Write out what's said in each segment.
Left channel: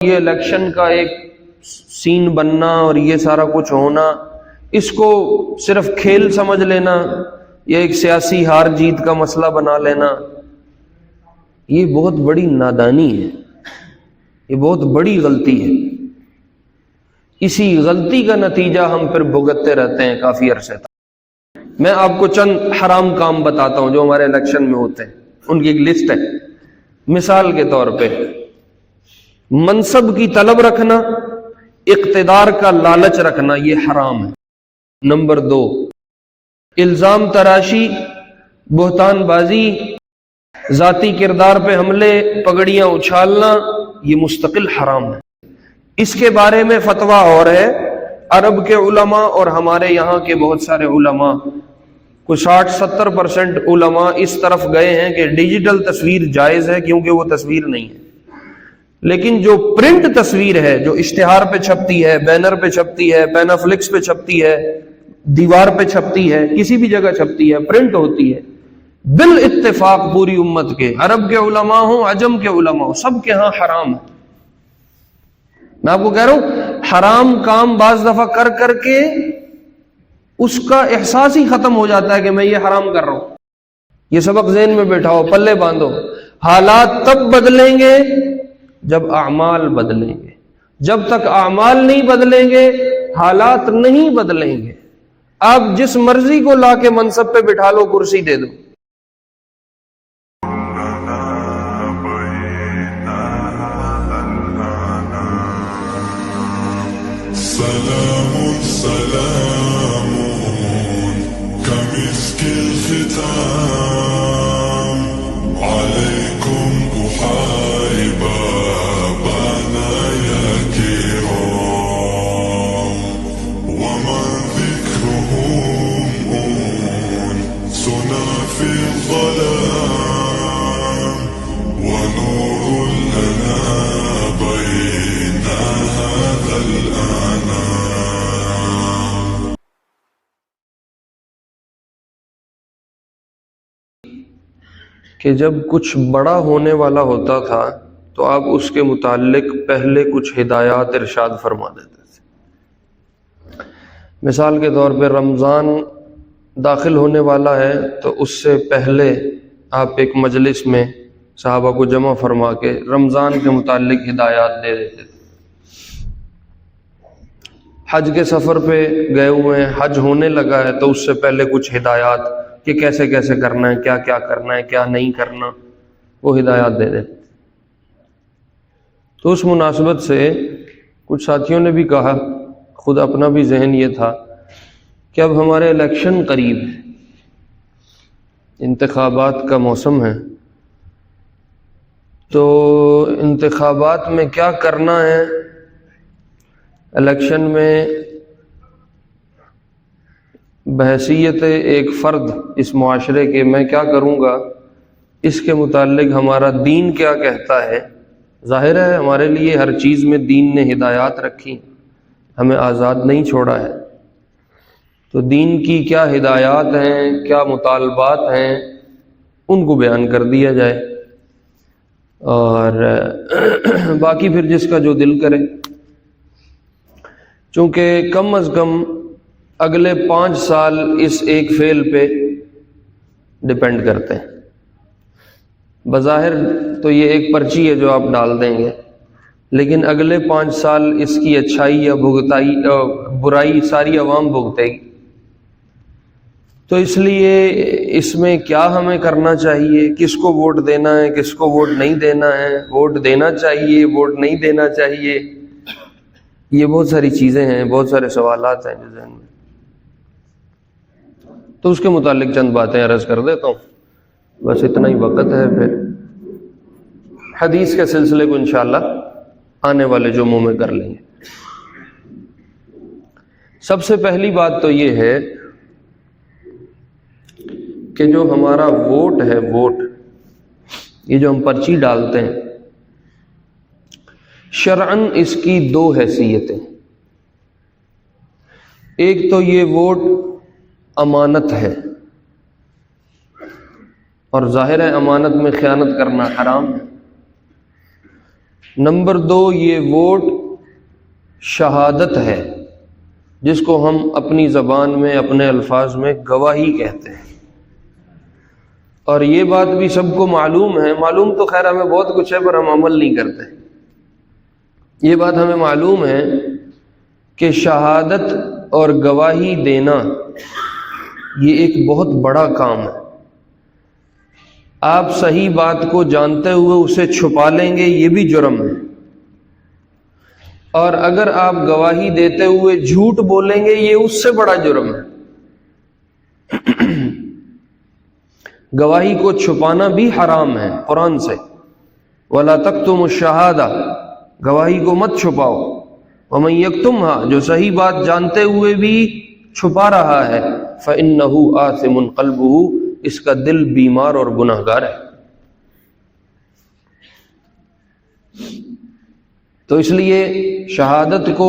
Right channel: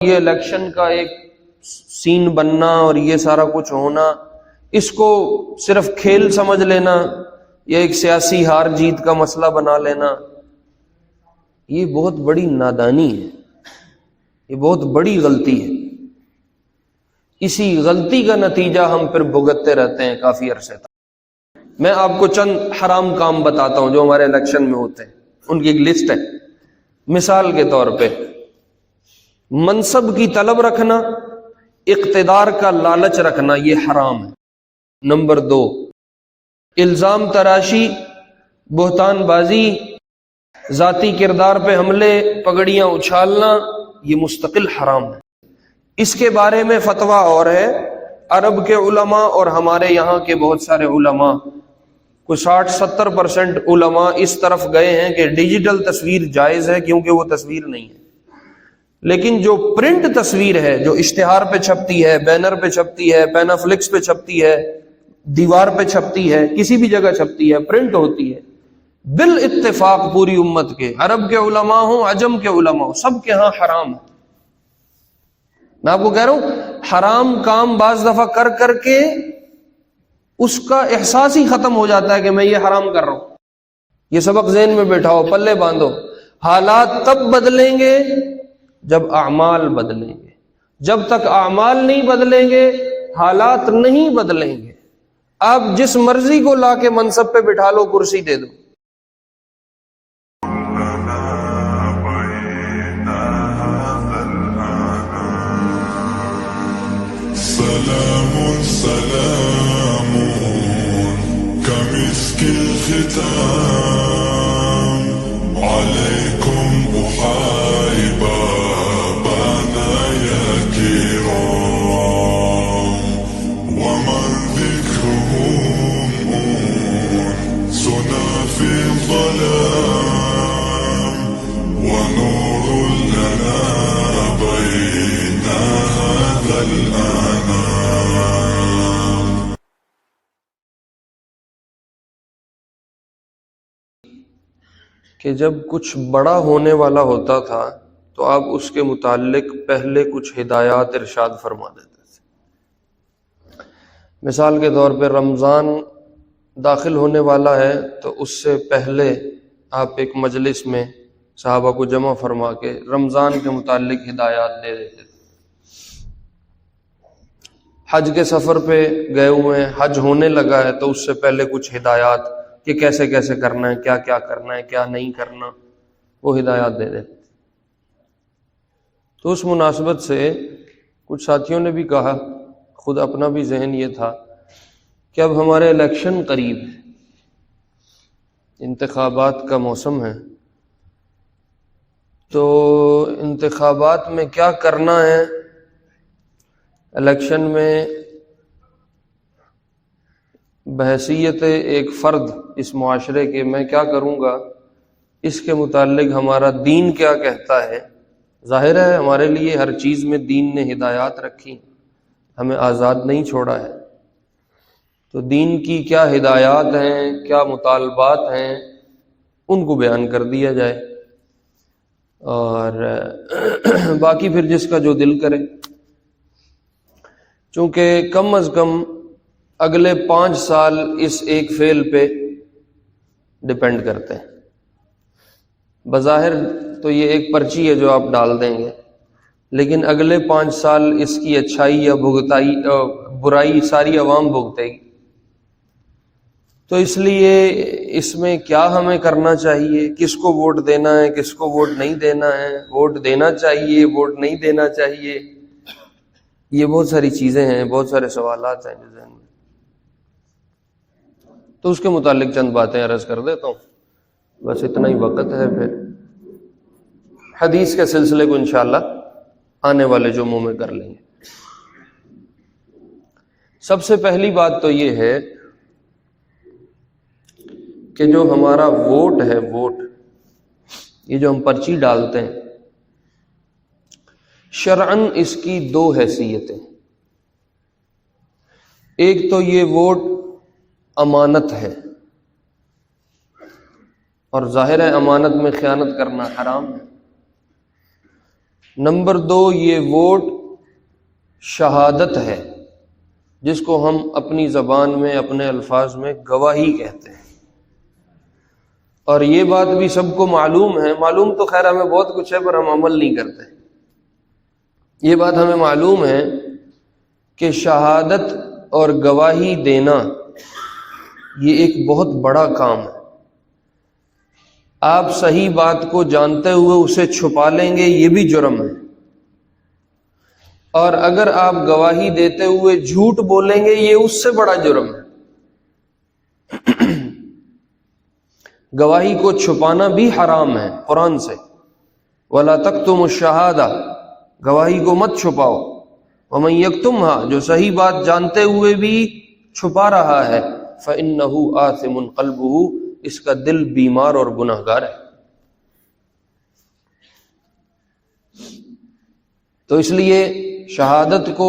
یہ الیکشن کا ایک سین بننا اور یہ سارا کچھ ہونا، اس کو صرف کھیل سمجھ لینا یا ایک سیاسی ہار جیت کا مسئلہ بنا لینا، یہ بہت بڑی نادانی ہے، یہ بہت بڑی غلطی ہے۔ اسی غلطی کا نتیجہ ہم پھر بھگتتے رہتے ہیں کافی عرصے تک۔ میں آپ کو چند حرام کام بتاتا ہوں جو ہمارے الیکشن میں ہوتے ہیں، ان کی ایک لسٹ ہے۔ مثال کے طور پہ منصب کی طلب رکھنا، اقتدار کا لالچ رکھنا، یہ حرام ہے۔ نمبر 2، الزام تراشی، بہتان بازی، ذاتی کردار پہ حملے، پگڑیاں اچھالنا، یہ مستقل حرام ہے۔ اس کے بارے میں فتویٰ اور ہے، عرب کے علماء اور ہمارے یہاں کے بہت سارے علماء، کچھ 60-70% علماء اس طرف گئے ہیں کہ ڈیجیٹل تصویر جائز ہے کیونکہ وہ تصویر نہیں ہے، لیکن جو پرنٹ تصویر ہے، جو اشتہار پہ چھپتی ہے، بینر پہ چھپتی ہے، پینافلکس پہ چھپتی ہے، دیوار پہ چھپتی ہے، کسی بھی جگہ چھپتی ہے، پرنٹ ہوتی ہے، بالاتفاق پوری امت کے، عرب کے علماء ہوں، عجم کے علماء ہوں، سب کے ہاں حرام ہے۔ میں آپ کو کہہ رہا ہوں حرام کام بعض دفعہ کر کر کے اس کا احساس ہی ختم ہو جاتا ہے کہ میں یہ حرام کر رہا ہوں۔ یہ سبق ذہن میں بیٹھاؤ، پلے باندھو۔ حالات تب بدلیں گے جب اعمال بدلیں گے، جب تک اعمال نہیں بدلیں گے حالات نہیں بدلیں گے۔ آپ جس مرضی کو لا کے منصب پہ بٹھا لو، کرسی دے دو، سلام سلام كمسك الختام عليكم أحاي بابنا يا كرام ومن ذكرهم سنا في الظلام ونور لنا بين هذا الأنام۔ کہ جب کچھ بڑا ہونے والا ہوتا تھا تو آپ اس کے متعلق پہلے کچھ ہدایات ارشاد فرما دیتے تھے۔ مثال کے طور پہ رمضان داخل ہونے والا ہے تو اس سے پہلے آپ ایک مجلس میں صحابہ کو جمع فرما کے رمضان کے متعلق ہدایات دے دیتے تھے۔ حج کے سفر پہ گئے ہوئے ہیں، حج ہونے لگا ہے تو اس سے پہلے کچھ ہدایات کہ کیسے کیسے کرنا ہے، کیا کیا کرنا ہے، کیا نہیں کرنا، وہ ہدایات دے دیتے۔ تو اس مناسبت سے کچھ ساتھیوں نے بھی کہا، خود اپنا بھی ذہن یہ تھا کہ اب ہمارے الیکشن قریب ہے، انتخابات کا موسم ہے، تو انتخابات میں کیا کرنا ہے، الیکشن میں بحیثیت ایک فرد اس معاشرے کے میں کیا کروں گا، اس کے متعلق ہمارا دین کیا کہتا ہے۔ ظاہر ہے ہمارے لیے ہر چیز میں دین نے ہدایات رکھی، ہمیں آزاد نہیں چھوڑا ہے، تو دین کی کیا ہدایات ہیں، کیا مطالبات ہیں، ان کو بیان کر دیا جائے، اور باقی پھر جس کا جو دل کرے۔ چونکہ کم از کم اگلے 5 سال اس ایک فعل پہ ڈپینڈ کرتے ہیں۔ بظاہر تو یہ ایک پرچی ہے جو آپ ڈال دیں گے، لیکن اگلے 5 سال اس کی اچھائی یا برائی ساری عوام بھگتے گی۔ تو اس لیے اس میں کیا ہمیں کرنا چاہیے، کس کو ووٹ دینا ہے، کس کو ووٹ نہیں دینا ہے، ووٹ دینا چاہیے، ووٹ نہیں دینا چاہیے، یہ بہت ساری چیزیں ہیں، بہت سارے سوالات ہیں جو ذہن میں۔ تو اس کے متعلق چند باتیں عرض کر دیتا ہوں، بس اتنا ہی وقت ہے، پھر حدیث کے سلسلے کو انشاءاللہ آنے والے جمعوں میں کر لیں گے۔ سب سے پہلی بات تو یہ ہے کہ جو ہمارا ووٹ ہے، ووٹ یہ جو ہم پرچی ڈالتے ہیں، شرعاً اس کی 2 حیثیتیں۔ ایک تو یہ ووٹ امانت ہے، اور ظاہر ہے امانت میں خیانت کرنا حرام ہے۔ نمبر 2، یہ ووٹ شہادت ہے، جس کو ہم اپنی زبان میں اپنے الفاظ میں گواہی کہتے ہیں، اور یہ بات بھی سب کو معلوم ہے، معلوم تو خیر ہمیں بہت کچھ ہے پر ہم عمل نہیں کرتے۔ یہ بات ہمیں معلوم ہے کہ شہادت اور گواہی دینا یہ ایک بہت بڑا کام ہے۔ آپ صحیح بات کو جانتے ہوئے اسے چھپا لیں گے، یہ بھی جرم ہے، اور اگر آپ گواہی دیتے ہوئے جھوٹ بولیں گے یہ اس سے بڑا جرم ہے۔ گواہی کو چھپانا بھی حرام ہے قرآن سے، وَلَا تَكْتُمُوا الشَّهَادَةَ، گواہی کو مت چھپاؤ، وَمَن يَكْتُمْهَا، جو صحیح بات جانتے ہوئے بھی چھپا رہا ہے، فَإِنَّهُ آثِمٌ قَلْبُهُ، اس کا دل بیمار اور گناہگار ہے۔ تو اس لیے شہادت کو،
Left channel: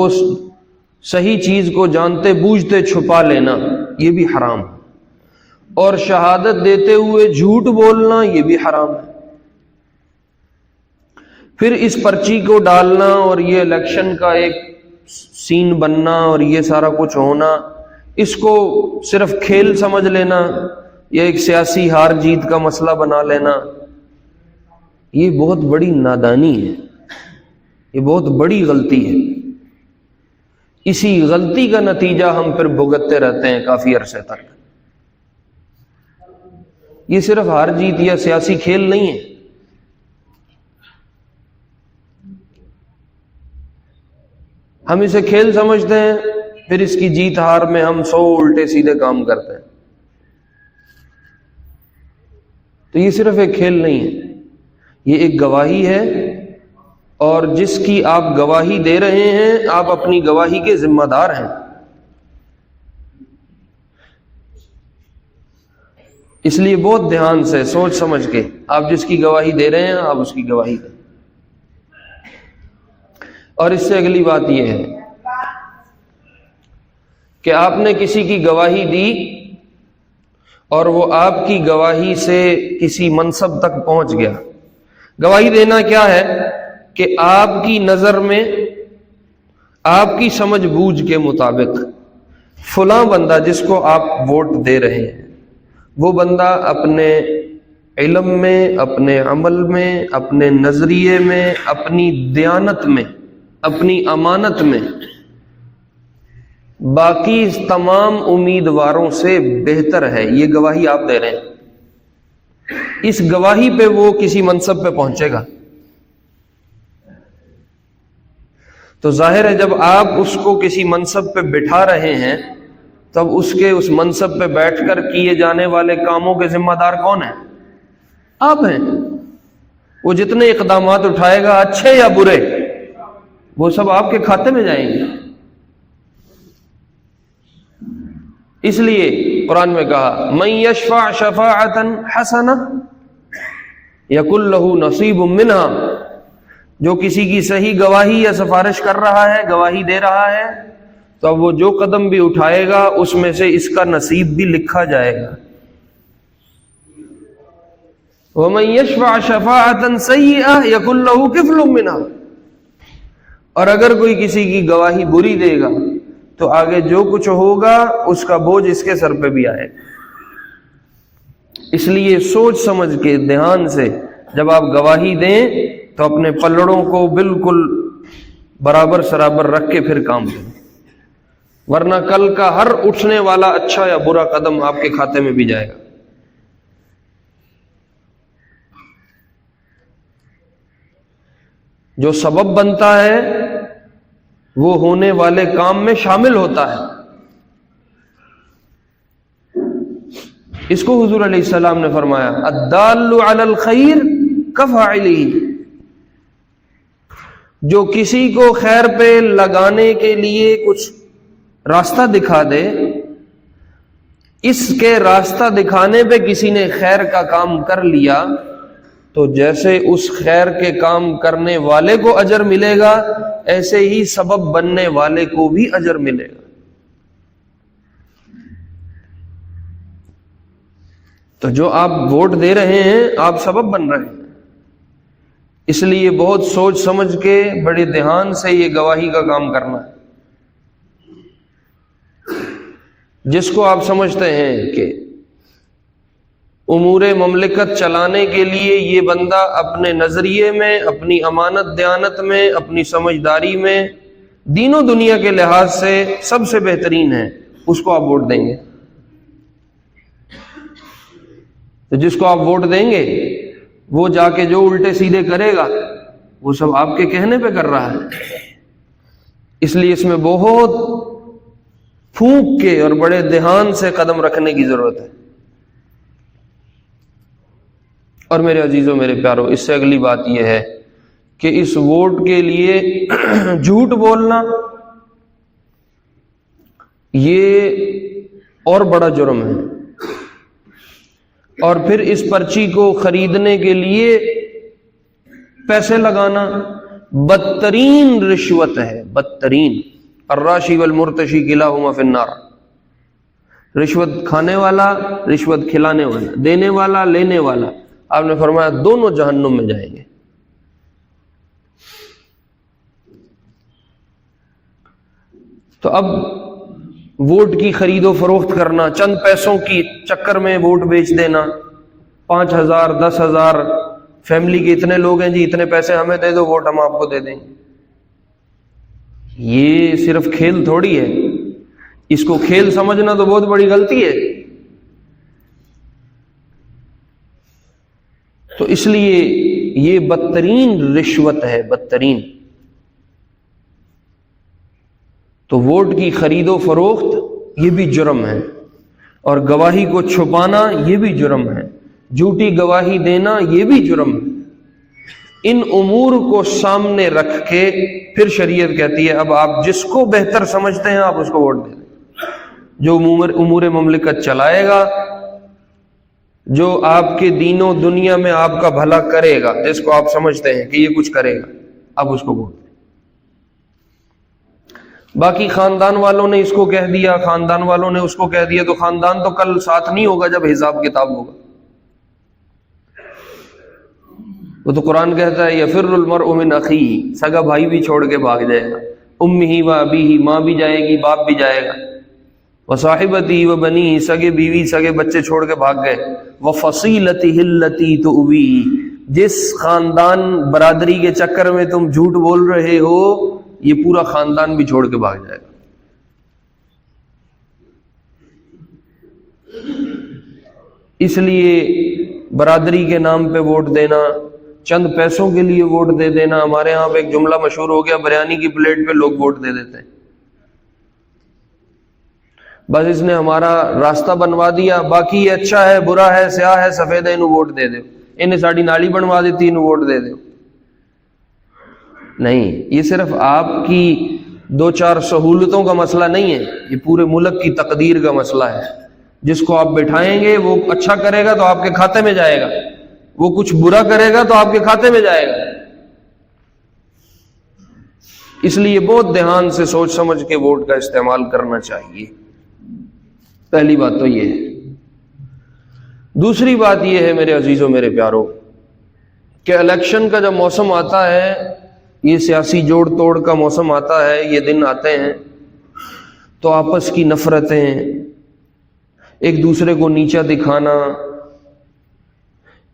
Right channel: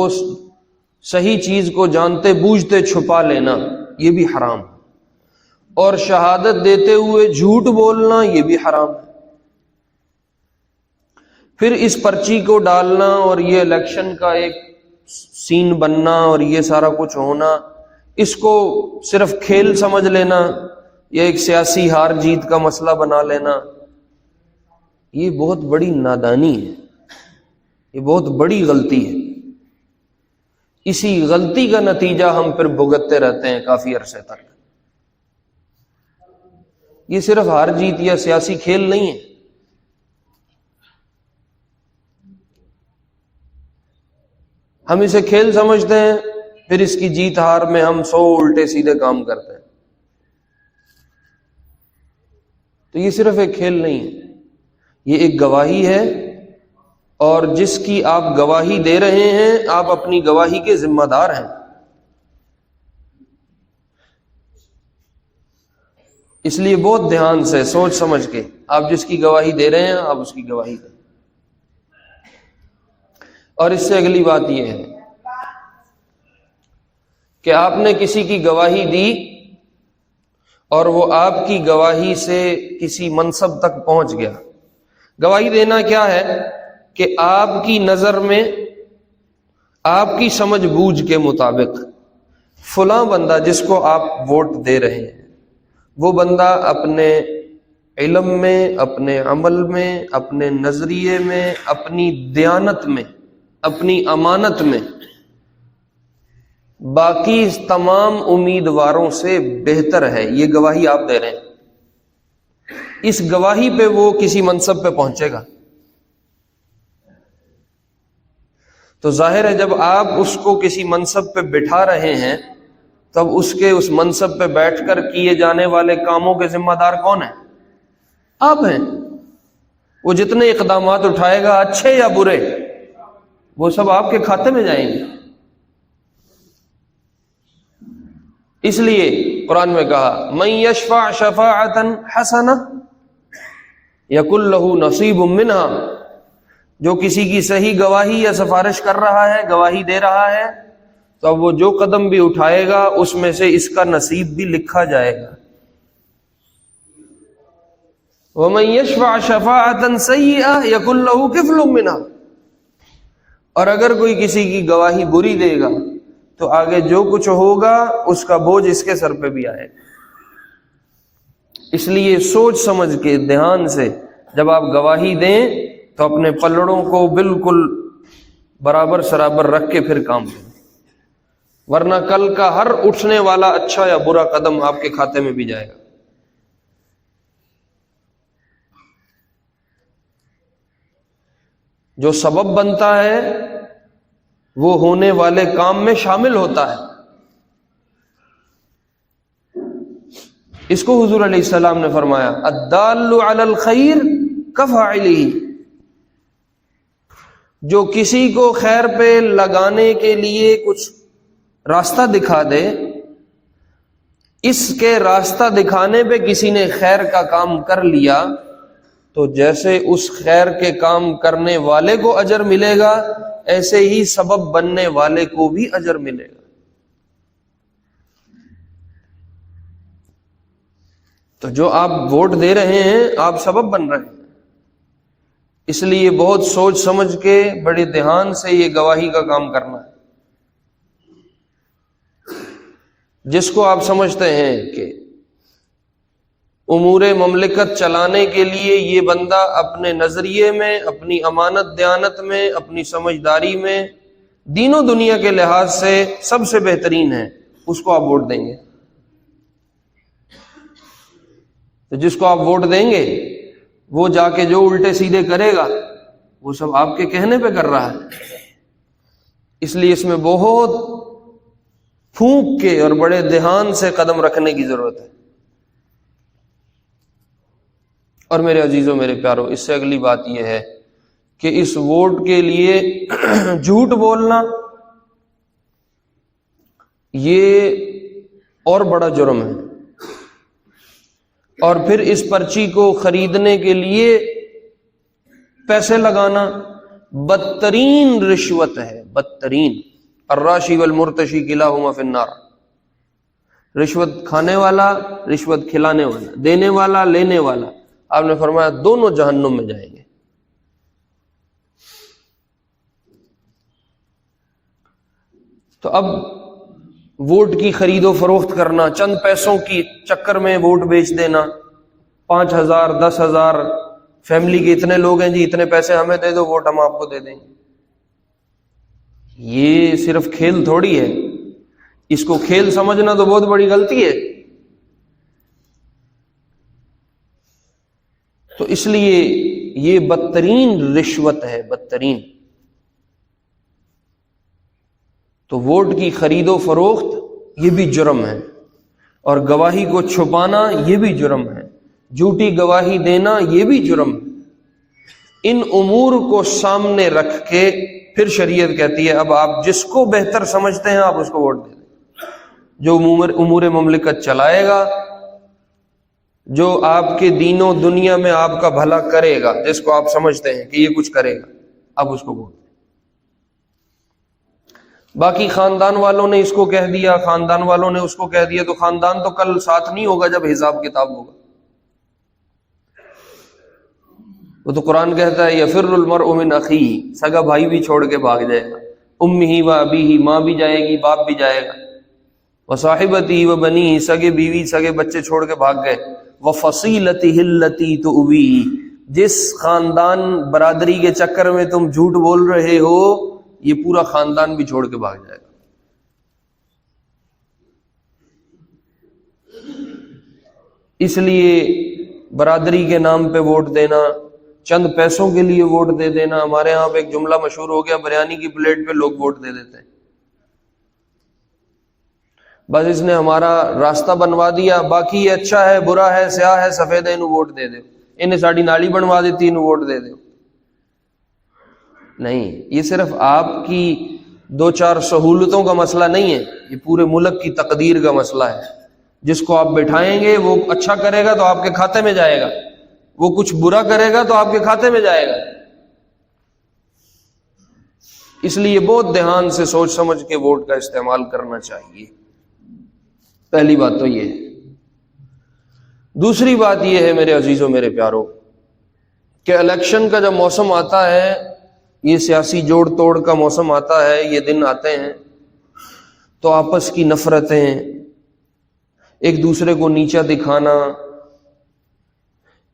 صحیح چیز کو جانتے بوجھتے چھپا لینا یہ بھی حرام ہے، اور شہادت دیتے ہوئے جھوٹ بولنا یہ بھی حرام ہے۔ پھر اس پرچی کو ڈالنا اور یہ الیکشن کا ایک سین بننا اور یہ سارا کچھ ہونا، اس کو صرف کھیل سمجھ لینا یا ایک سیاسی ہار جیت کا مسئلہ بنا لینا، یہ بہت بڑی نادانی ہے، یہ بہت بڑی غلطی ہے۔ اسی غلطی کا نتیجہ ہم پھر بھگتتے رہتے ہیں کافی عرصے تک۔ یہ صرف ہار جیت یا سیاسی کھیل نہیں ہے، ہم اسے کھیل سمجھتے ہیں، پھر اس کی جیت ہار میں ہم 100 الٹے سیدھے کام کرتے ہیں۔ تو یہ صرف ایک کھیل نہیں ہے، یہ ایک گواہی ہے، اور جس کی آپ گواہی دے رہے ہیں آپ اپنی گواہی کے ذمہ دار ہیں۔ اس لیے بہت دھیان سے سوچ سمجھ کے آپ جس کی گواہی دے رہے ہیں آپ اس کی گواہی دیں۔ اور اس سے اگلی بات یہ ہے کہ آپ نے کسی کی گواہی دی اور وہ آپ کی گواہی سے کسی منصب تک پہنچ گیا۔ گواہی دینا کیا ہے کہ آپ کی نظر میں، آپ کی سمجھ بوجھ کے مطابق فلاں بندہ جس کو آپ ووٹ دے رہے ہیں، وہ بندہ اپنے علم میں، اپنے عمل میں، اپنے نظریے میں، اپنی دیانت میں، اپنی امانت میں باقی تمام امیدواروں سے بہتر ہے، یہ گواہی آپ دے رہے ہیں۔ اس گواہی پہ وہ کسی منصب پہ پہنچے گا، تو ظاہر ہے جب آپ اس کو کسی منصب پہ بٹھا رہے ہیں تب اس کے اس منصب پہ بیٹھ کر کیے جانے والے کاموں کے ذمہ دار کون ہیں؟ آپ ہیں۔ وہ جتنے اقدامات اٹھائے گا اچھے یا برے، وہ سب آپ کے کھاتے میں جائیں گے۔ اس لیے قرآن میں کہا من یشفع شفاعتا حسنہ یکن لہ نصیب منہا، جو کسی کی صحیح گواہی یا سفارش کر رہا ہے، گواہی دے رہا ہے، تو وہ جو قدم بھی اٹھائے گا اس میں سے اس کا نصیب بھی لکھا جائے گا۔ ومن یشفع شفاعتا سیئہ یکن لہ کفل منہا، اور اگر کوئی کسی کی گواہی بری دے گا تو آگے جو کچھ ہوگا اس کا بوجھ اس کے سر پہ بھی آئے گا۔ اس لیے سوچ سمجھ کے دھیان سے جب آپ گواہی دیں تو اپنے پلڑوں کو بالکل برابر سرابر رکھ کے پھر کام کریں، ورنہ کل کا ہر اٹھنے والا اچھا یا برا قدم آپ کے کھاتے میں بھی جائے گا۔ جو سبب بنتا ہے وہ ہونے والے کام میں شامل ہوتا ہے۔ اس کو حضور علیہ السلام نے فرمایا الدال علی الخیر کفاعلہ، جو کسی کو خیر پہ لگانے کے لیے کچھ راستہ دکھا دے، اس کے راستہ دکھانے پہ کسی نے خیر کا کام کر لیا تو جیسے اس خیر کے کام کرنے والے کو اجر ملے گا ایسے ہی سبب بننے والے کو بھی اجر ملے گا۔ تو جو آپ ووٹ دے رہے ہیں آپ سبب بن رہے ہیں، اس لیے بہت سوچ سمجھ کے بڑے دھیان سے یہ گواہی کا کام کرنا ہے. جس کو آپ سمجھتے ہیں کہ امور مملکت چلانے کے لیے یہ بندہ اپنے نظریے میں، اپنی امانت دیانت میں، اپنی سمجھداری میں، دین و دنیا کے لحاظ سے سب سے بہترین ہے، اس کو آپ ووٹ دیں گے. تو جس کو آپ ووٹ دیں گے وہ جا کے جو الٹے سیدھے کرے گا وہ سب آپ کے کہنے پہ کر رہا ہے. اس لیے اس میں بہت پھونک کے اور بڑے دھیان سے قدم رکھنے کی ضرورت ہے. اور میرے عزیزوں، میرے پیاروں، اس سے اگلی بات یہ ہے کہ اس ووٹ کے لیے جھوٹ بولنا یہ اور بڑا جرم ہے. اور پھر اس پرچی کو خریدنے کے لیے پیسے لگانا بدترین رشوت ہے، بدترین. الراشی والمرتشی کلاہما فی النار. رشوت کھانے والا، رشوت کھلانے والا، دینے والا، لینے والا، آپ نے فرمایا دونوں جہنم میں جائیں گے. تو اب ووٹ کی خرید و فروخت کرنا، چند پیسوں کی چکر میں ووٹ بیچ دینا، 5,000 10,000 فیملی کے اتنے لوگ ہیں جی، اتنے پیسے ہمیں دے دو، ووٹ ہم آپ کو دے دیں گے. یہ صرف کھیل تھوڑی ہے. اس کو کھیل سمجھنا تو بہت بڑی غلطی ہے. تو اس لیے یہ بدترین رشوت ہے، بدترین. تو ووٹ کی خرید و فروخت یہ بھی جرم ہے، اور گواہی کو چھپانا یہ بھی جرم ہے، جھوٹی گواہی دینا یہ بھی جرم ہے. ان امور کو سامنے رکھ کے پھر شریعت کہتی ہے اب آپ جس کو بہتر سمجھتے ہیں آپ اس کو ووٹ دے دیں، جو امور مملکت چلائے گا، جو آپ کے دین و دنیا میں آپ کا بھلا کرے گا، جس کو آپ سمجھتے ہیں کہ یہ کچھ کرے گا، آپ اس کو ووٹ دیں. باقی خاندان والوں نے اس کو کہہ دیا، خاندان والوں نے اس کو کہہ دیا، تو خاندان تو کل ساتھ نہیں ہوگا جب حساب کتاب ہوگا. وہ تو قرآن کہتا ہے یفر المرء من اخیہ، سگا بھائی بھی چھوڑ کے بھاگ جائے گا، امہ و ابیہ، ماں بھی جائے گی، باپ بھی جائے گا، وصاحبتہ و بنیہ، سگے بیوی سگے بچے چھوڑ کے بھاگ گئے، وفصیلتہ التی تؤویہ، جس خاندان برادری کے چکر میں تم جھوٹ بول رہے ہو یہ پورا خاندان بھی چھوڑ کے بھاگ جائے گا. اس لیے برادری کے نام پہ ووٹ دینا، چند پیسوں کے لیے ووٹ دے دینا. ہمارے ہاں پہ ایک جملہ مشہور ہو گیا، بریانی کی پلیٹ پہ لوگ ووٹ دے دیتے ہیں. بس اس نے ہمارا راستہ بنوا دیا، باقی یہ اچھا ہے، برا ہے، سیاہ ہے، سفید ہے، انہوں ووٹ دے دو. انہیں ساڑی نالی بنوا دیتی، انہوں ووٹ دے دو. نہیں، یہ صرف آپ کی 2-4 سہولتوں کا مسئلہ نہیں ہے، یہ پورے ملک کی تقدیر کا مسئلہ ہے. جس کو آپ بٹھائیں گے وہ اچھا کرے گا تو آپ کے کھاتے میں جائے گا، وہ کچھ برا کرے گا تو آپ کے کھاتے میں جائے گا. اس لیے بہت دھیان سے سوچ سمجھ کے ووٹ کا استعمال کرنا چاہیے. پہلی بات تو یہ ہے. دوسری بات یہ ہے میرے عزیزوں، میرے پیاروں، کہ الیکشن کا جب موسم آتا ہے، یہ سیاسی جوڑ توڑ کا موسم آتا ہے، یہ دن آتے ہیں تو آپس کی نفرتیں، ایک دوسرے کو نیچا دکھانا،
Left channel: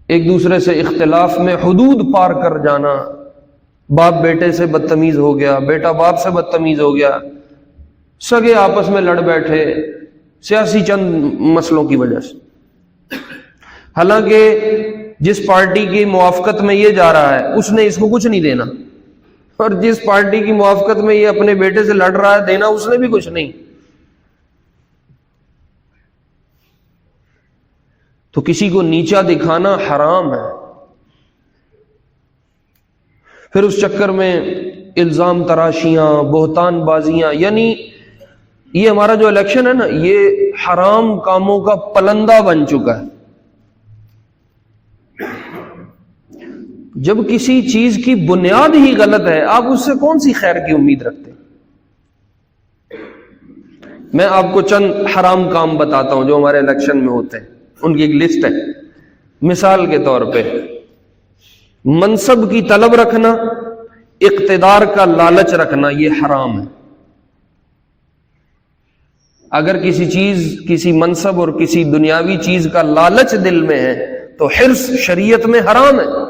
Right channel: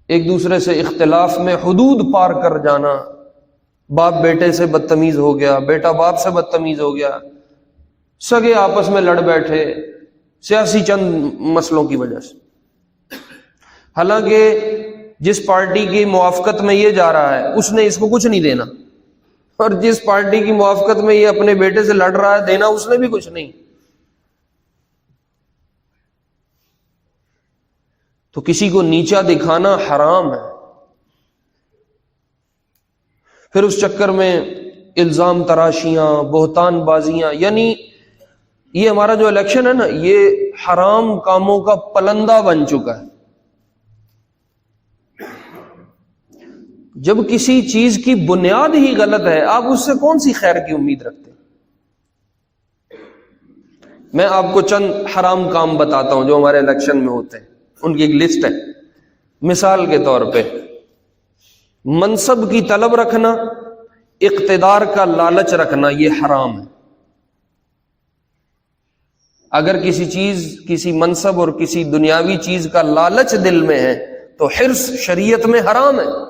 ایک دوسرے سے اختلاف میں حدود پار کر جانا، باپ بیٹے سے بدتمیز ہو گیا، بیٹا باپ سے بدتمیز ہو گیا، سگے آپس میں لڑ بیٹھے سیاسی چند مسئلوں کی وجہ سے. حالانکہ جس پارٹی کی موافقت میں یہ جا رہا ہے اس نے اس کو کچھ نہیں دینا، اور جس پارٹی کی موافقت میں یہ اپنے بیٹے سے لڑ رہا ہے دینا اس نے بھی کچھ نہیں. تو کسی کو نیچا دکھانا حرام ہے. پھر اس چکر میں الزام تراشیاں، بہتان بازیاں، یعنی یہ ہمارا جو الیکشن ہے نا، یہ حرام کاموں کا پلندہ بن چکا ہے. جب کسی چیز کی بنیاد ہی غلط ہے، آپ اس سے کون سی خیر کی امید رکھتے ہیں؟ میں آپ کو چند حرام کام بتاتا ہوں جو ہمارے الیکشن میں ہوتے ہیں، ان کی ایک لسٹ ہے. مثال کے طور پہ منصب کی طلب رکھنا، اقتدار کا لالچ رکھنا، یہ حرام ہے۔ اگر کسی چیز، کسی منصب اور کسی دنیاوی چیز کا لالچ دل میں ہے تو حرص شریعت میں حرام ہے۔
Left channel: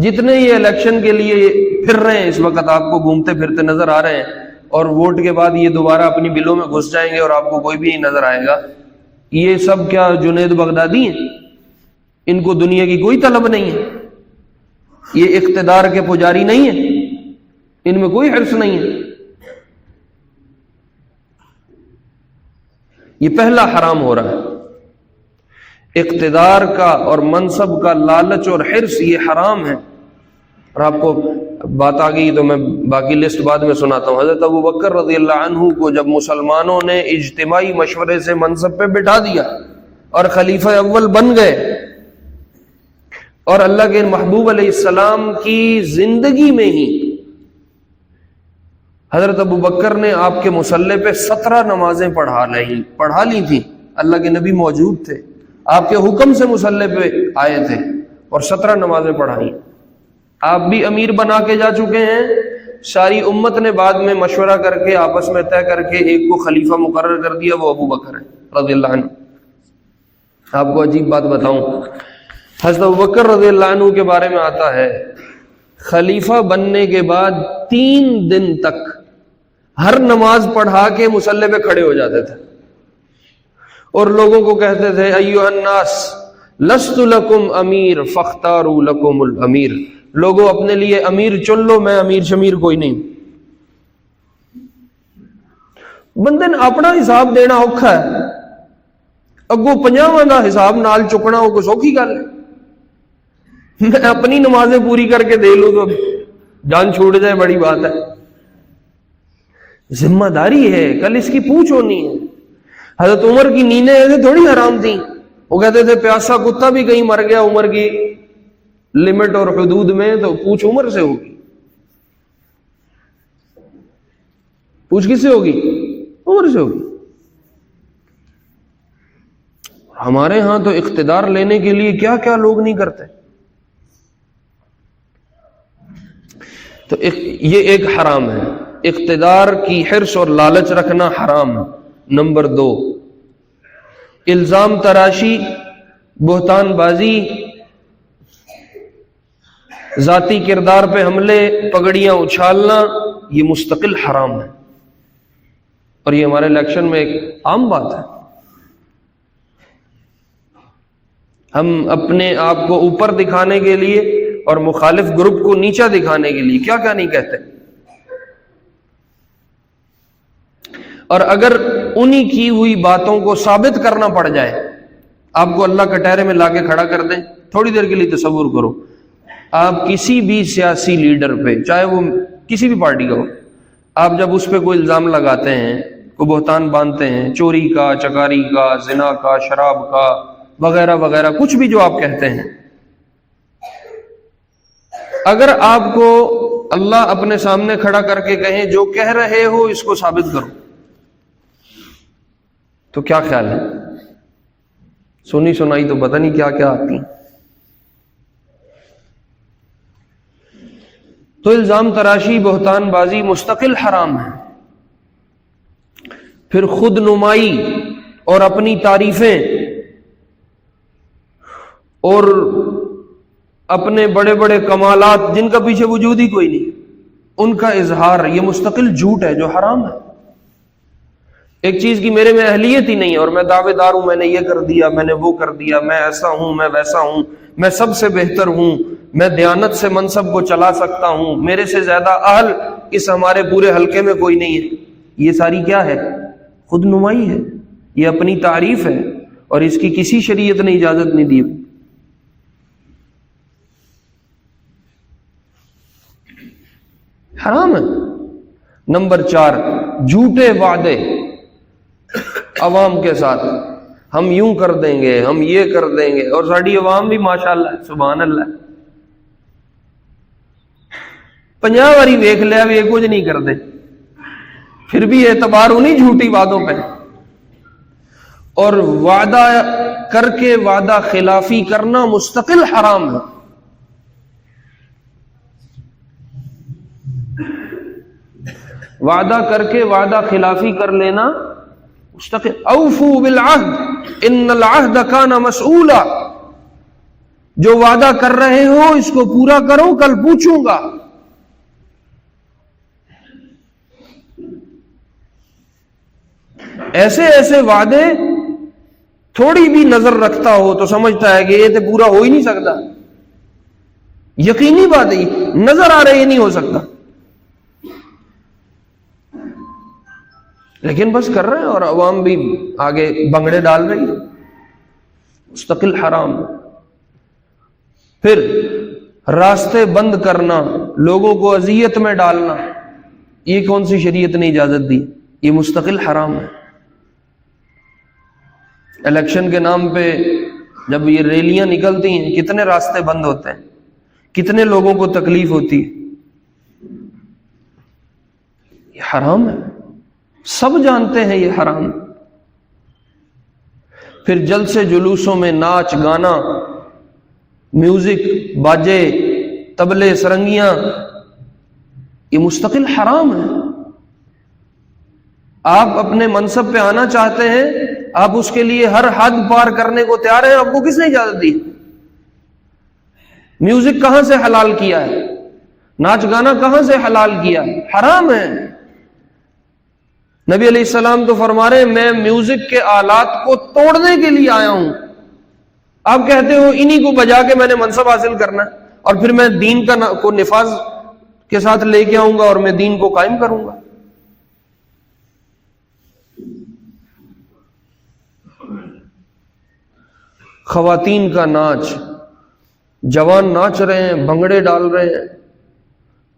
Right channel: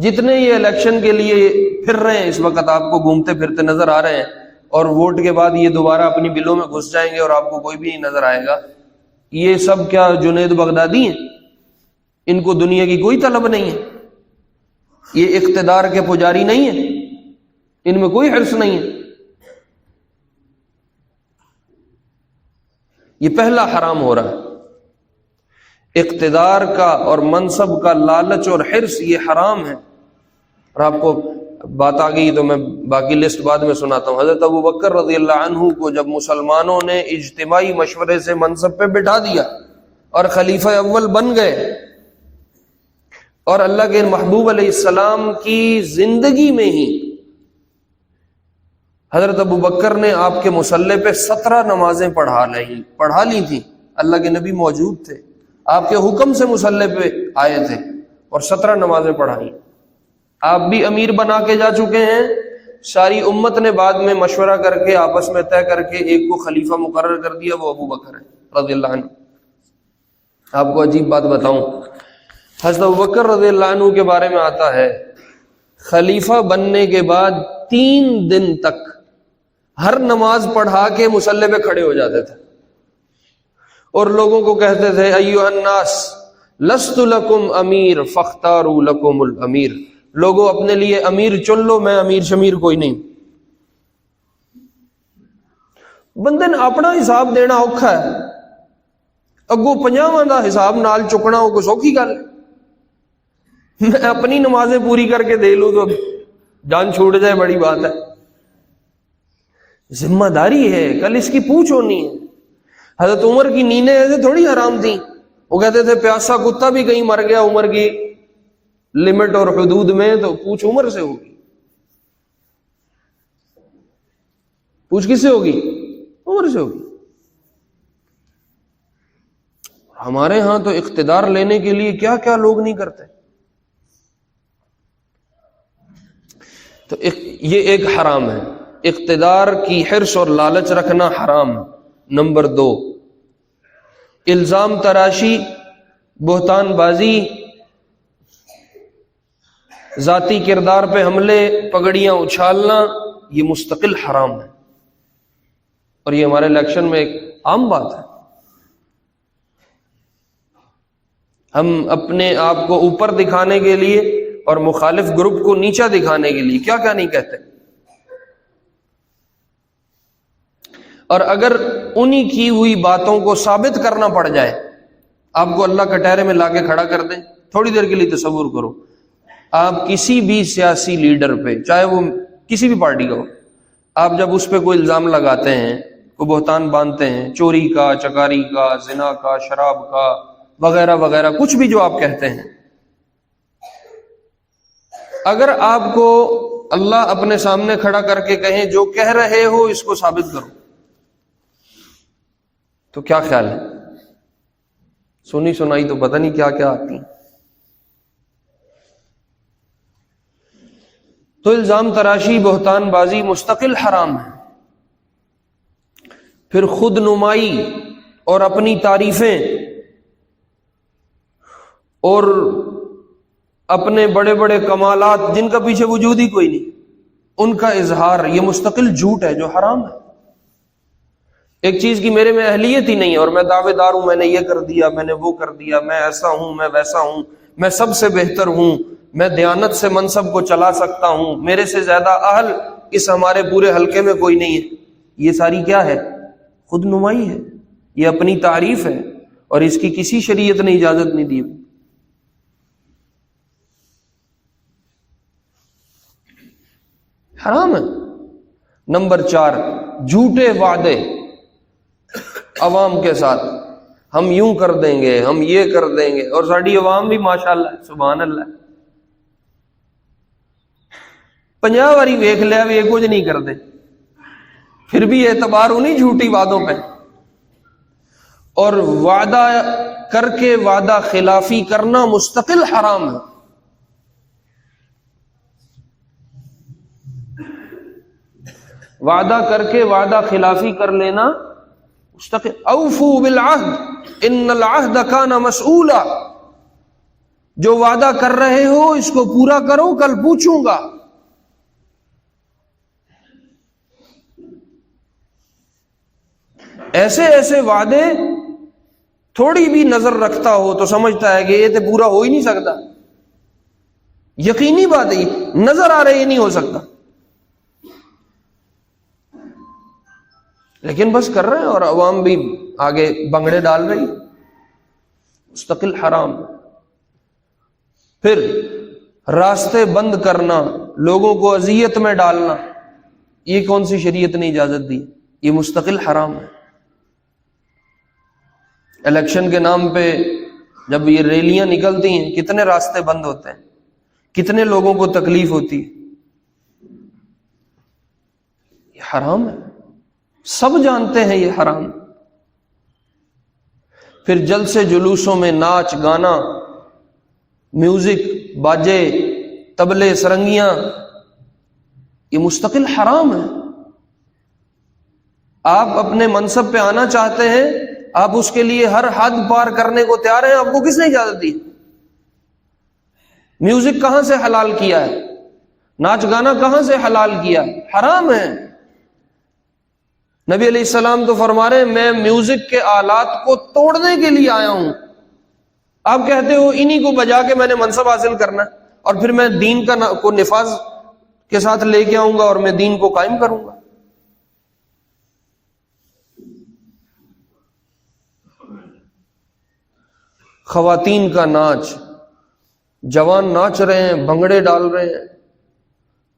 جتنے یہ الیکشن کے لیے پھر رہے ہیں اس وقت، آپ کو گھومتے پھرتے نظر آ رہے ہیں، اور ووٹ کے بعد یہ دوبارہ اپنی بلوں میں گھس جائیں گے اور آپ کو کوئی بھی نہیں نظر آئے گا، یہ سب کیا جنید بغدادی ہیں؟ ان کو دنیا کی کوئی طلب نہیں ہے، یہ اقتدار کے پجاری نہیں ہیں، ان میں کوئی حرص نہیں ہے۔ یہ پہلا حرام ہو رہا ہے، اقتدار کا اور منصب کا لالچ اور حرص، یہ حرام ہے۔ اور آپ کو بات آ گئی تو میں باقی لسٹ بعد میں سناتا ہوں۔ حضرت ابوبکر رضی اللہ عنہ کو جب مسلمانوں نے اجتماعی مشورے سے منصب پہ بٹھا دیا اور خلیفہ اول بن گئے، اور اللہ کے محبوب علیہ السلام کی زندگی میں ہی حضرت ابوبکر نے آپ کے مصلی پہ 17 نمازیں پڑھا لی تھی۔ اللہ کے نبی موجود تھے، آپ کے حکم سے مصلی پہ آئے تھے اور 17 نمازیں پڑھائی۔ آپ بھی امیر بنا کے جا چکے ہیں، ساری امت نے بعد میں مشورہ کر کے آپس میں طے کر کے ایک کو خلیفہ مقرر کر دیا، وہ ابوبکر ہے رضی اللہ عنہ۔ آپ کو عجیب بات بتاؤں، حضرت ابوبکر رضی اللہ عنہ کے بارے میں آتا ہے، خلیفہ بننے کے بعد 3 دن تک ہر نماز پڑھا کے مصلی پہ کھڑے ہو جاتے تھے اور لوگوں کو کہتے تھے ایھا الناس لست لکم امیر فاختاروا لکم الامیر، لوگوں اپنے لیے امیر چن لو، میں امیر شمیر کوئی نہیں۔ بندے نے اپنا حساب دینا اوکھا ہے، اگوں 50 کا حساب نال چکنا وہ کوئی سوکھی گل ہے؟ میں اپنی نمازیں پوری کر کے دے لوں تو جان چھوٹ جائے، بڑی بات ہے۔ ذمہ داری ہے، کل اس کی پوچھ ہونی ہے۔ حضرت عمر کی نیندیں ایسے تھوڑی حرام تھیں، وہ کہتے تھے پیاسا کتا بھی کہیں مر گیا عمر کی لمٹ اور حدود میں تو پوچھ عمر سے ہوگی۔ پوچھ کس سے ہوگی؟ عمر سے ہوگی۔ ہمارے ہاں تو اقتدار لینے کے لیے کیا کیا لوگ نہیں کرتے۔ تو یہ ایک حرام ہے، اقتدار کی حرص اور لالچ رکھنا حرام ہے۔ نمبر 2، الزام تراشی، بہتان بازی، ذاتی کردار پہ حملے، پگڑیاں اچھالنا، یہ مستقل حرام ہے، اور یہ ہمارے الیکشن میں ایک عام بات ہے۔ ہم اپنے آپ کو اوپر دکھانے کے لیے اور مخالف گروپ کو نیچا دکھانے کے لیے کیا کیا نہیں کہتے، اور اگر انہی کی ہوئی باتوں کو ثابت کرنا پڑ جائے، آپ کو اللہ کٹہرے میں لا کے کھڑا کر دیں، تھوڑی دیر کے لیے تصور کرو، آپ کسی بھی سیاسی لیڈر پہ، چاہے وہ کسی بھی پارٹی کا ہو، آپ جب اس پہ کوئی الزام لگاتے ہیں، کوئی بہتان باندھتے ہیں، چوری کا، چکاری کا، زنا کا، شراب کا، وغیرہ وغیرہ، کچھ بھی جو آپ کہتے ہیں، اگر آپ کو اللہ اپنے سامنے کھڑا کر کے کہیں جو کہہ رہے ہو اس کو ثابت کرو، تو کیا خیال ہے؟ سنی سنائی تو پتہ نہیں کیا کیا آتی۔ تو الزام تراشی، بہتان بازی مستقل حرام ہے۔ پھر خود نمائی اور اپنی تعریفیں اور اپنے بڑے بڑے کمالات جن کا پیچھے وجود ہی کوئی نہیں، ان کا اظہار، یہ مستقل جھوٹ ہے جو حرام ہے۔ ایک چیز کی میرے میں اہلیت ہی نہیں اور میں دعوے دار ہوں، میں نے یہ کر دیا، میں نے وہ کر دیا، میں ایسا ہوں، میں ویسا ہوں، میں سب سے بہتر ہوں، میں دیانت سے منصب کو چلا سکتا ہوں، میرے سے زیادہ اہل اس ہمارے پورے حلقے میں کوئی نہیں ہے، یہ ساری کیا ہے؟ خود نمائی ہے، یہ اپنی تعریف ہے، اور اس کی کسی شریعت نے اجازت نہیں دی۔ حرام ہے۔ نمبر 4، جھوٹے وعدے عوام کے ساتھ، ہم یوں کر دیں گے، ہم یہ کر دیں گے، اور ساری عوام بھی ماشاءاللہ سبحان اللہ 50 باری ویکھ لیا بھی کچھ نہیں کرتے، پھر بھی اعتبار انہیں جھوٹی وعدوں پہ۔ اور وعدہ کر کے وعدہ خلافی کرنا مستقل حرام ہے. وعدہ کر کے وعدہ خلافی کر لینا مستقل. اوفو بالعہد ان العہد کان مسئولا، جو وعدہ کر رہے ہو اس کو پورا کرو، کل پوچھوں گا. ایسے ایسے وعدے تھوڑی بھی نظر رکھتا ہو تو سمجھتا ہے کہ یہ تو پورا ہو ہی نہیں سکتا. یقینی بات ہے، نظر آ رہا ہے یہ نہیں ہو سکتا، لیکن بس کر رہا ہے اور عوام بھی آگے بنگڑے ڈال رہی ہے. مستقل حرام. پھر راستے بند کرنا، لوگوں کو اذیت میں ڈالنا، یہ کون سی شریعت نے اجازت دی؟ یہ مستقل حرام ہے. الیکشن کے نام پہ جب یہ ریلیاں نکلتی ہیں کتنے راستے بند ہوتے ہیں، کتنے لوگوں کو تکلیف ہوتی ہے. یہ حرام ہے، سب جانتے ہیں یہ حرام. پھر جلسے جلوسوں میں ناچ گانا، میوزک، باجے، طبلے، سرنگیاں، یہ مستقل حرام ہے. آپ اپنے منصب پہ آنا چاہتے ہیں، آپ اس کے لیے ہر حد پار کرنے کو تیار ہیں، آپ کو کس نے اجازت دی؟ میوزک کہاں سے حلال کیا ہے؟ ناچ گانا کہاں سے حلال کیا ہے؟ حرام ہے. نبی علیہ السلام تو فرما رہے ہیں میں میوزک کے آلات کو توڑنے کے لیے آیا ہوں. آپ کہتے ہو انہی کو بجا کے میں نے منصب حاصل کرنا ہے اور پھر میں دین کو نفاذ کے ساتھ لے کے آؤں گا اور میں دین کو قائم کروں گا. خواتین کا ناچ، جوان ناچ رہے ہیں، بھنگڑے ڈال رہے ہیں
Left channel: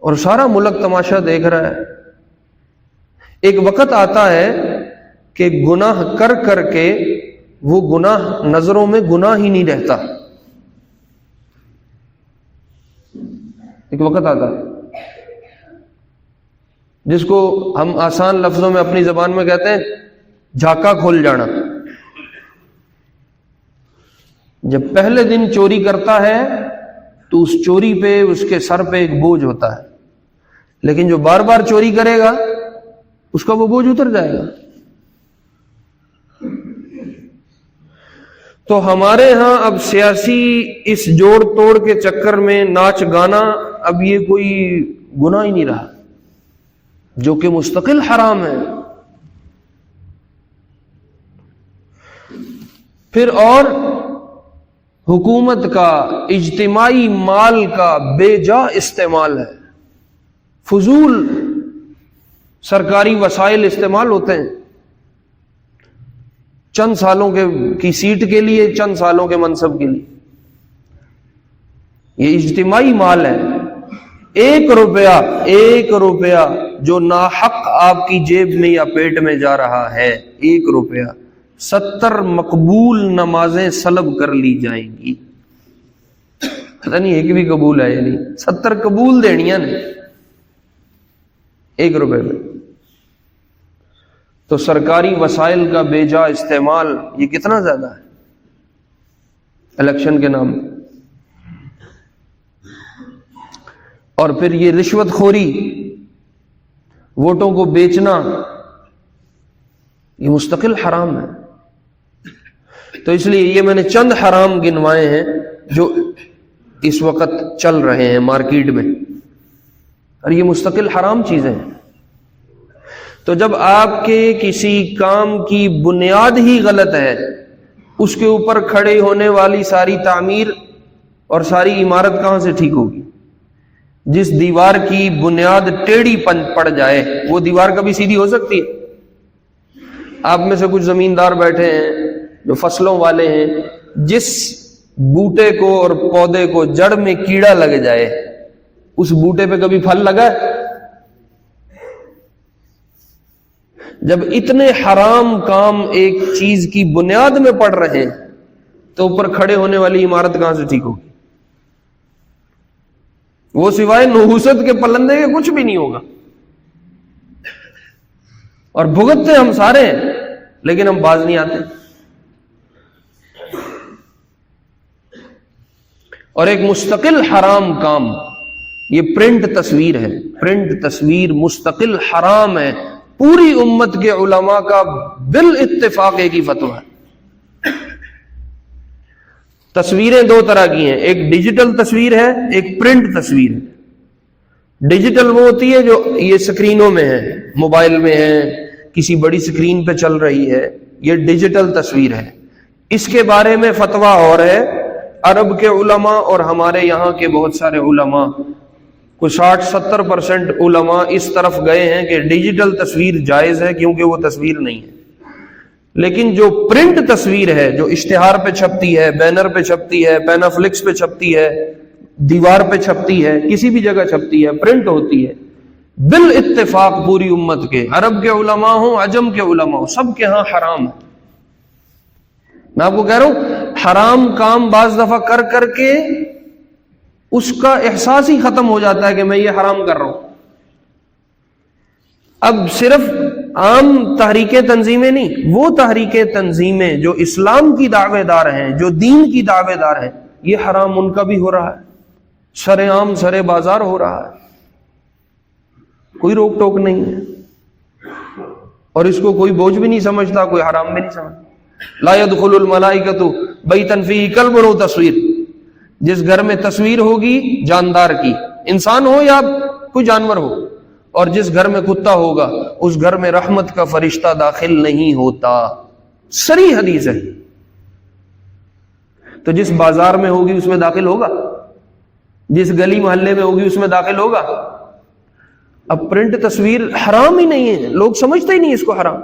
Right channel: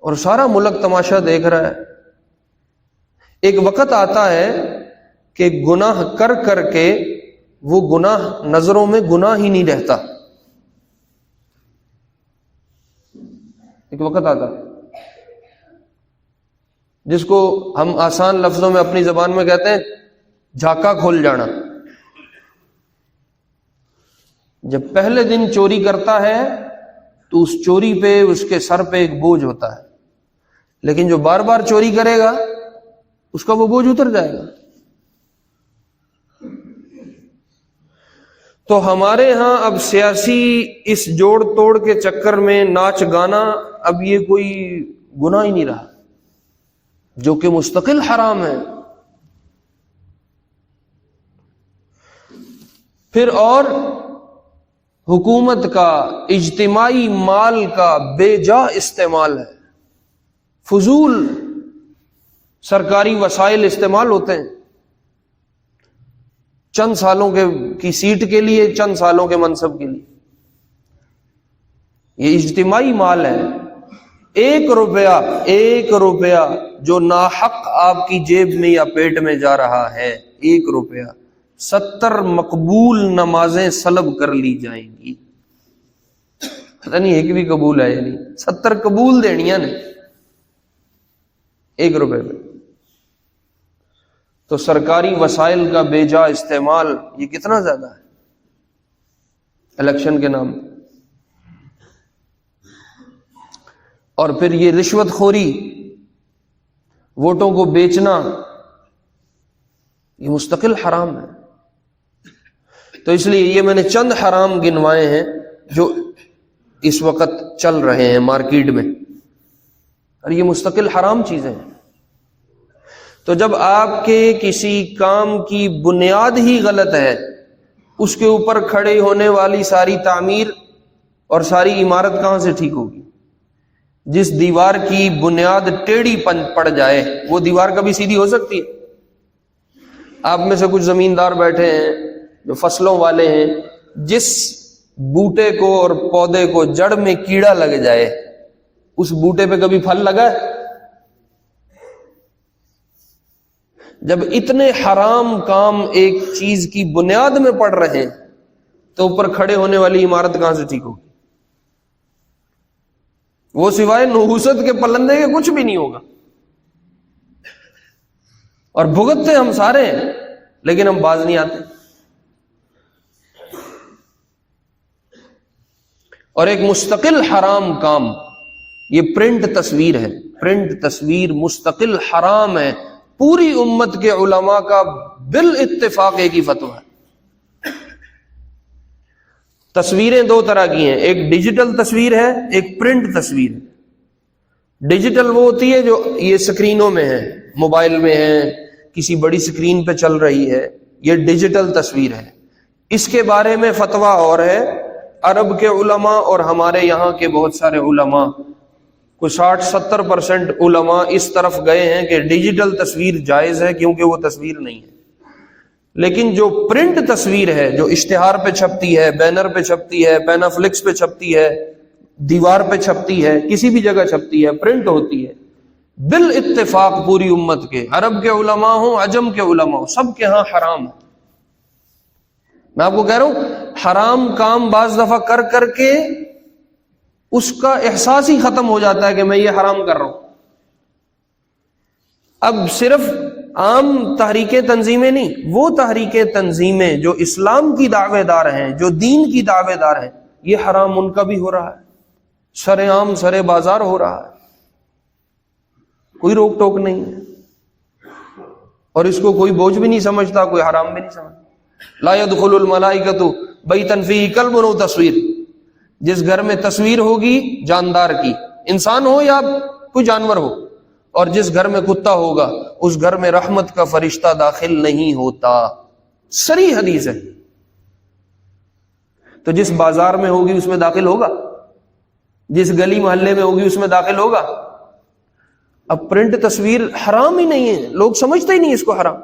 اور سارا ملک تماشا دیکھ رہا ہے. ایک وقت آتا ہے کہ گناہ کر کر کے وہ گناہ نظروں میں گناہ ہی نہیں رہتا. ایک وقت آتا ہے جس کو ہم آسان لفظوں میں اپنی زبان میں کہتے ہیں جھاکا کھول جانا. جب پہلے دن چوری کرتا ہے تو اس چوری پہ اس کے سر پہ ایک بوجھ ہوتا ہے، لیکن جو بار بار چوری کرے گا اس کا وہ بوجھ اتر جائے گا. تو ہمارے ہاں اب سیاسی اس جوڑ توڑ کے چکر میں ناچ گانا اب یہ کوئی گناہ ہی نہیں رہا، جو کہ مستقل حرام ہے. پھر اور حکومت کا اجتماعی مال کا بے جا استعمال ہے. فضول سرکاری وسائل استعمال ہوتے ہیں چند سالوں کی سیٹ کے لیے، چند سالوں کے منصب کے لیے. یہ اجتماعی مال ہے. 1 روپیہ جو ناحق آپ کی جیب میں یا پیٹ میں جا رہا ہے، 1 روپیہ 70 مقبول نمازیں سلب کر لی جائیں گی. پتہ نہیں ایک بھی قبول ہے یا نہیں. 70 قبول دینیاں نے 1 روپے میں. تو سرکاری وسائل کا بے جا استعمال یہ کتنا زیادہ ہے الیکشن کے نام پہ. اور پھر یہ رشوت خوری، ووٹوں کو بیچنا، یہ مستقل حرام ہے. تو اس لیے یہ میں نے چند حرام گنوائے ہیں جو اس وقت چل رہے ہیں مارکیٹ میں، اور یہ مستقل حرام چیزیں ہیں. تو جب آپ کے کسی کام کی بنیاد ہی غلط ہے، اس کے اوپر کھڑے ہونے والی ساری تعمیر اور ساری عمارت کہاں سے ٹھیک ہوگی؟ جس دیوار کی بنیاد ٹیڑھی پڑ جائے وہ دیوار کبھی سیدھی ہو سکتی ہے؟ آپ میں سے کچھ زمیندار بیٹھے ہیں جو فصلوں والے ہیں، جس بوٹے کو اور پودے کو جڑ میں کیڑا لگ جائے اس بوٹے پہ کبھی پھل لگا ہے؟ جب اتنے حرام کام ایک چیز کی بنیاد میں پڑ رہے ہیں تو اوپر کھڑے ہونے والی عمارت کہاں سے ٹھیک ہوگی؟ وہ سوائے نحوست کے پلندے کے کچھ بھی نہیں ہوگا. اور بھگتتے ہم سارے ہیں لیکن ہم باز نہیں آتے. اور ایک مستقل حرام کام، یہ پرنٹ تصویر ہے، پرنٹ تصویر مستقل حرام ہے، پوری امت کے علماء کا بالاتفاق ایک ہی فتویٰ ہے۔ تصویریں دو طرح کی ہیں، ایک ڈیجیٹل تصویر ہے، ایک پرنٹ تصویر ہے۔ ڈیجیٹل وہ ہوتی ہے جو یہ سکرینوں میں ہے، موبائل میں ہے، کسی بڑی سکرین پہ چل رہی ہے، یہ ڈیجیٹل تصویر ہے۔ اس کے بارے میں فتویٰ اور ہے، عرب کے علماء اور ہمارے یہاں کے بہت سارے علماء، کوئی 60-70% علماء اس طرف گئے ہیں کہ ڈیجیٹل تصویر جائز ہے کیونکہ وہ تصویر نہیں ہے۔ لیکن جو پرنٹ تصویر ہے، جو اشتہار پہ چھپتی ہے، بینر پہ چھپتی ہے، پینافلکس پہ چھپتی ہے، دیوار پہ چھپتی ہے، کسی بھی جگہ چھپتی ہے، پرنٹ ہوتی ہے، بالاتفاق پوری امت کے، عرب کے علماء ہوں، عجم کے علماء ہوں، سب کے ہاں حرام ہے۔ میں آپ کو کہہ رہا ہوں حرام کام بعض دفعہ کر کر کے اس کا احساس ہی ختم ہو جاتا ہے کہ میں یہ حرام کر رہا ہوں۔ اب صرف عام تحریکیں تنظیمیں نہیں، وہ تحریکیں تنظیمیں جو اسلام کی دعوے دار ہیں، جو دین کی دعوے دار ہیں، یہ حرام ان کا بھی ہو رہا ہے، سر عام سر بازار ہو رہا ہے، کوئی روک ٹوک نہیں ہے، اور اس کو کوئی بوجھ بھی نہیں سمجھتا، کوئی حرام بھی نہیں سمجھتا۔ لا يدخل الملائکۃ بیتا فیہ کلب و تصویر، جس گھر میں تصویر ہوگی جاندار کی، انسان ہو یا کوئی جانور ہو، اور جس گھر میں کتا ہوگا اس گھر میں رحمت کا فرشتہ داخل نہیں ہوتا۔ صریح حدیث ہے۔ تو جس بازار میں ہوگی اس میں داخل ہوگا، جس گلی محلے میں ہوگی اس میں داخل ہوگا۔ اب پرنٹ تصویر حرام ہی نہیں ہے، لوگ سمجھتے ہی نہیں اس کو حرام۔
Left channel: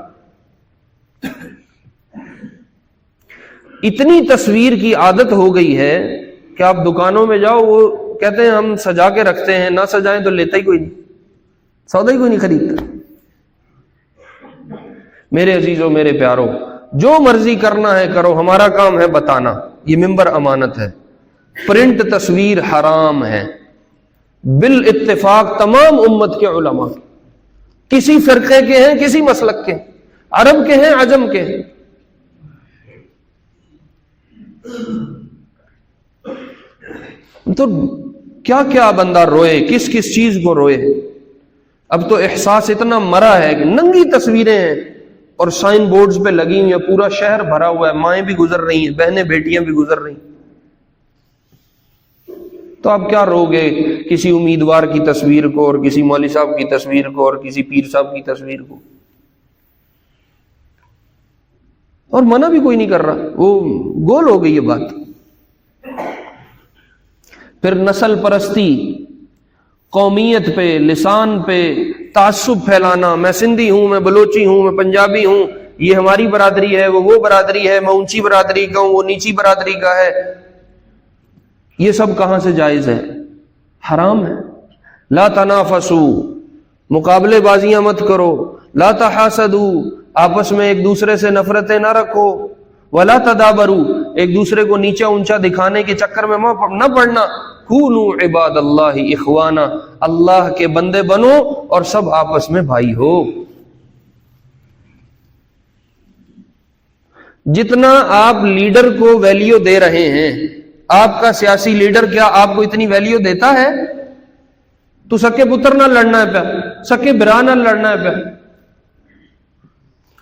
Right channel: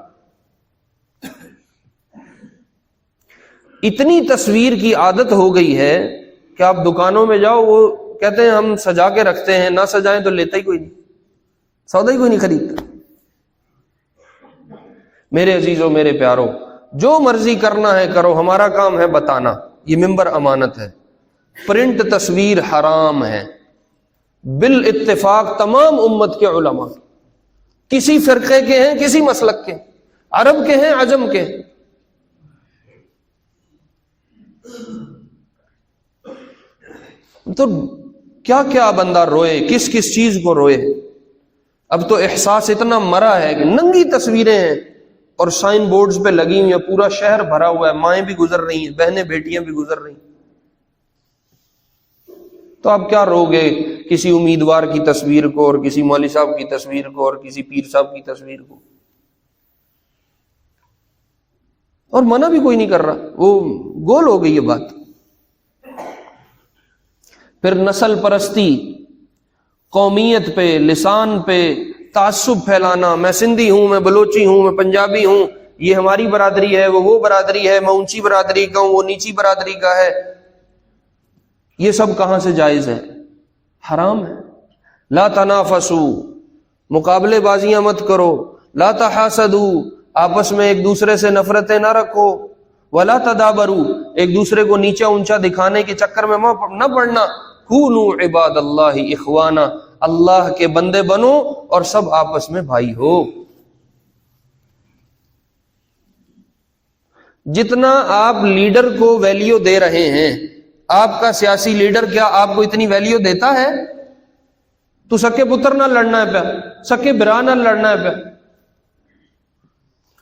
اتنی تصویر کی عادت ہو گئی ہے کہ آپ دکانوں میں جاؤ، وہ کہتے ہیں ہم سجا کے رکھتے ہیں، نہ سجائیں تو لیتا ہی کوئی نہیں، سودا ہی کوئی نہیں خریدتا۔ میرے عزیزوں، میرے پیاروں، جو مرضی کرنا ہے کرو، ہمارا کام ہے بتانا، یہ منبر امانت ہے۔ پرنٹ تصویر حرام ہے بالاتفاق تمام امت کے علماء، کسی فرقے کے ہیں، کسی مسلک کے، عرب کے ہیں، عجم کے ہیں۔ تو کیا کیا بندہ روئے، کس کس چیز کو روئے۔ اب تو احساس اتنا مرا ہے کہ ننگی تصویریں ہیں اور سائن بورڈز پہ لگی ہوئی ہیں، پورا شہر بھرا ہوا ہے، مائیں بھی گزر رہی ہیں، بہنیں بیٹیاں بھی گزر رہی ہیں۔ تو آپ کیا رو گے کسی امیدوار کی تصویر کو، اور کسی مولوی صاحب کی تصویر کو، اور کسی پیر صاحب کی تصویر کو، اور منع بھی کوئی نہیں کر رہا، وہ گول ہو گئی یہ بات۔ پھر نسل پرستی، قومیت پہ، لسان پہ تعصب پھیلانا، میں سندھی ہوں، میں بلوچی ہوں، میں پنجابی ہوں، یہ ہماری برادری ہے، وہ برادری ہے، میں اونچی برادری کا ہوں، وہ نیچی برادری کا ہے، یہ سب کہاں سے جائز ہے؟ حرام ہے۔ لا تنافسوا، مقابلے بازیاں مت کرو، لا تحاسدوا، آپس میں ایک دوسرے سے نفرتیں نہ رکھو، ولا تدابروا، ایک دوسرے کو نیچا اونچا دکھانے کے چکر میں نہ پڑنا، کونوا عباد اللہ اخوانا، اللہ کے بندے بنو اور سب آپس میں بھائی ہو۔ جتنا آپ لیڈر کو ویلیو دے رہے ہیں، آپ کا سیاسی لیڈر کیا آپ کو اتنی ویلیو دیتا ہے؟ تو سکے پتر نہ لڑنا ہے پہ، سکے برا نہ لڑنا ہے پہ۔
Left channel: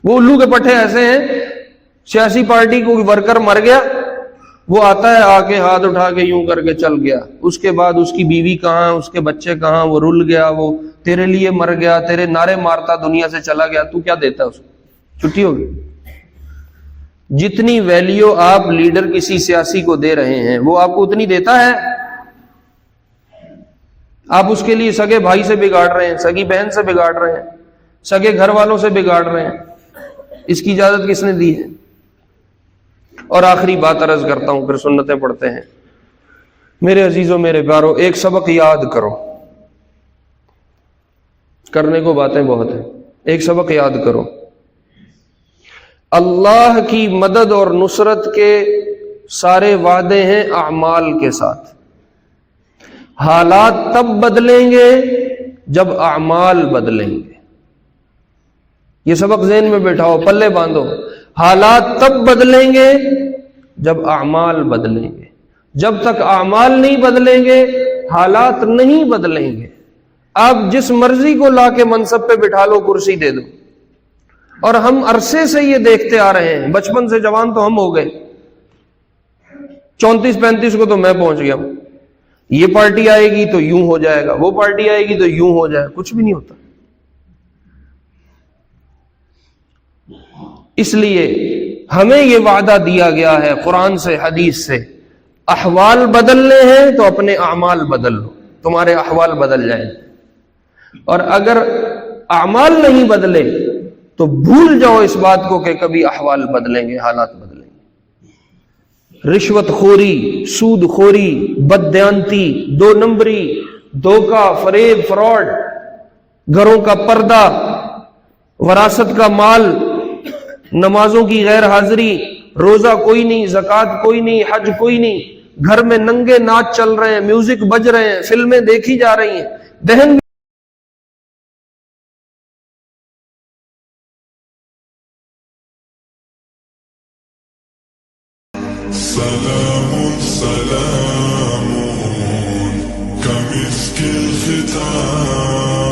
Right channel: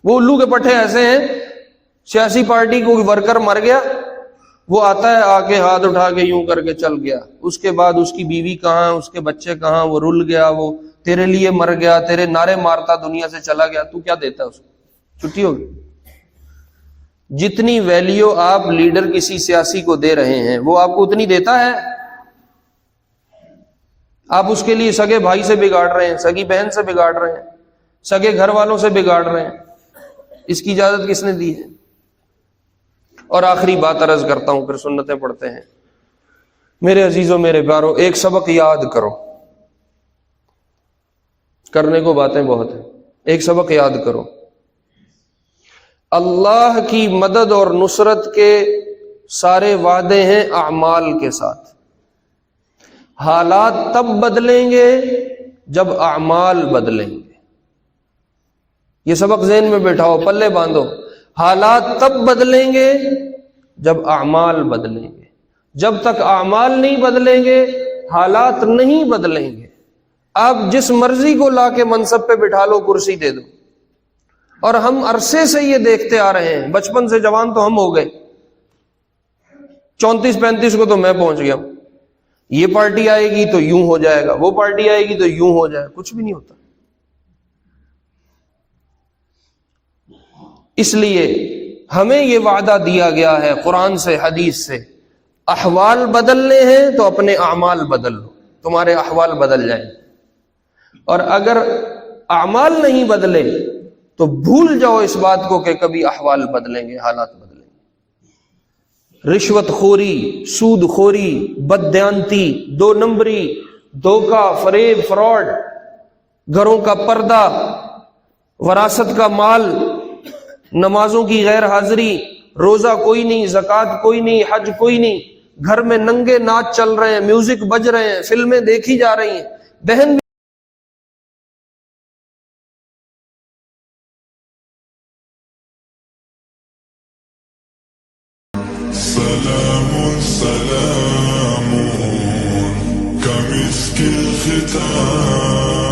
وہ الو کے پٹھے ایسے ہیں، سیاسی پارٹی کو ورکر مر گیا، وہ آتا ہے آ کے ہاتھ اٹھا کے یوں کر کے چل گیا، اس کے بعد اس کی بیوی کہاں، اس کے بچے کہاں، وہ رل گیا، وہ تیرے لیے مر گیا، تیرے نعرے مارتا دنیا سے چلا گیا، تو کیا دیتا ہے اس کو؟ چھٹی ہوگی۔ جتنی ویلیو آپ لیڈر کسی سیاسی کو دے رہے ہیں وہ آپ کو اتنی دیتا ہے؟ آپ اس کے لیے سگے بھائی سے بگاڑ رہے ہیں، سگی بہن سے بگاڑ رہے ہیں، سگے گھر والوں سے بگاڑ رہے ہیں، اس کی اجازت کس نے دی ہے؟ اور آخری بات عرض کرتا ہوں، پھر سنتیں پڑھتے ہیں۔ میرے عزیزوں، میرے پیارو، ایک سبق یاد کرو، کرنے کو باتیں بہت ہیں، ایک سبق یاد کرو۔ اللہ کی مدد اور نصرت کے سارے وعدے ہیں اعمال کے ساتھ۔ حالات تب بدلیں گے جب اعمال بدلیں گے۔ یہ سبق ذہن میں بٹھاؤ، پلے باندھو۔ حالات تب بدلیں گے جب اعمال بدلیں گے۔ جب تک اعمال نہیں بدلیں گے حالات نہیں بدلیں گے. آپ جس مرضی کو لا کے منصب پہ بٹھا لو، کرسی دے دو. اور ہم عرصے سے یہ دیکھتے آ رہے ہیں، بچپن سے جوان تو ہم ہو گئے، 34-35 کو تو میں پہنچ گیا ہوں. یہ پارٹی آئے گی تو یوں ہو جائے گا، وہ پارٹی آئے گی تو یوں ہو جائے گا، کچھ بھی نہیں ہوتا. اس لیے ہمیں یہ وعدہ دیا گیا ہے قرآن سے حدیث سے، احوال بدلنے ہیں تو اپنے اعمال بدل لو، تمہارے احوال بدل جائیں. اور اگر اعمال نہیں بدلے تو بھول جاؤ اس بات کو کہ کبھی احوال بدلیں گے، حالات بدلیں گے. رشوت خوری، سود خوری، بددیانتی، 2 نمبری، دھوکہ، فریب، فراڈ، گھروں کا پردہ، وراثت کا مال، نمازوں کی غیر حاضری، روزہ کوئی نہیں، زکوٰۃ کوئی نہیں، حج کوئی نہیں، گھر میں ننگے ناچ چل رہے ہیں، میوزک بج رہے ہیں، فلمیں دیکھی جا رہی ہیں. بہن سلام سلام كمسك الختام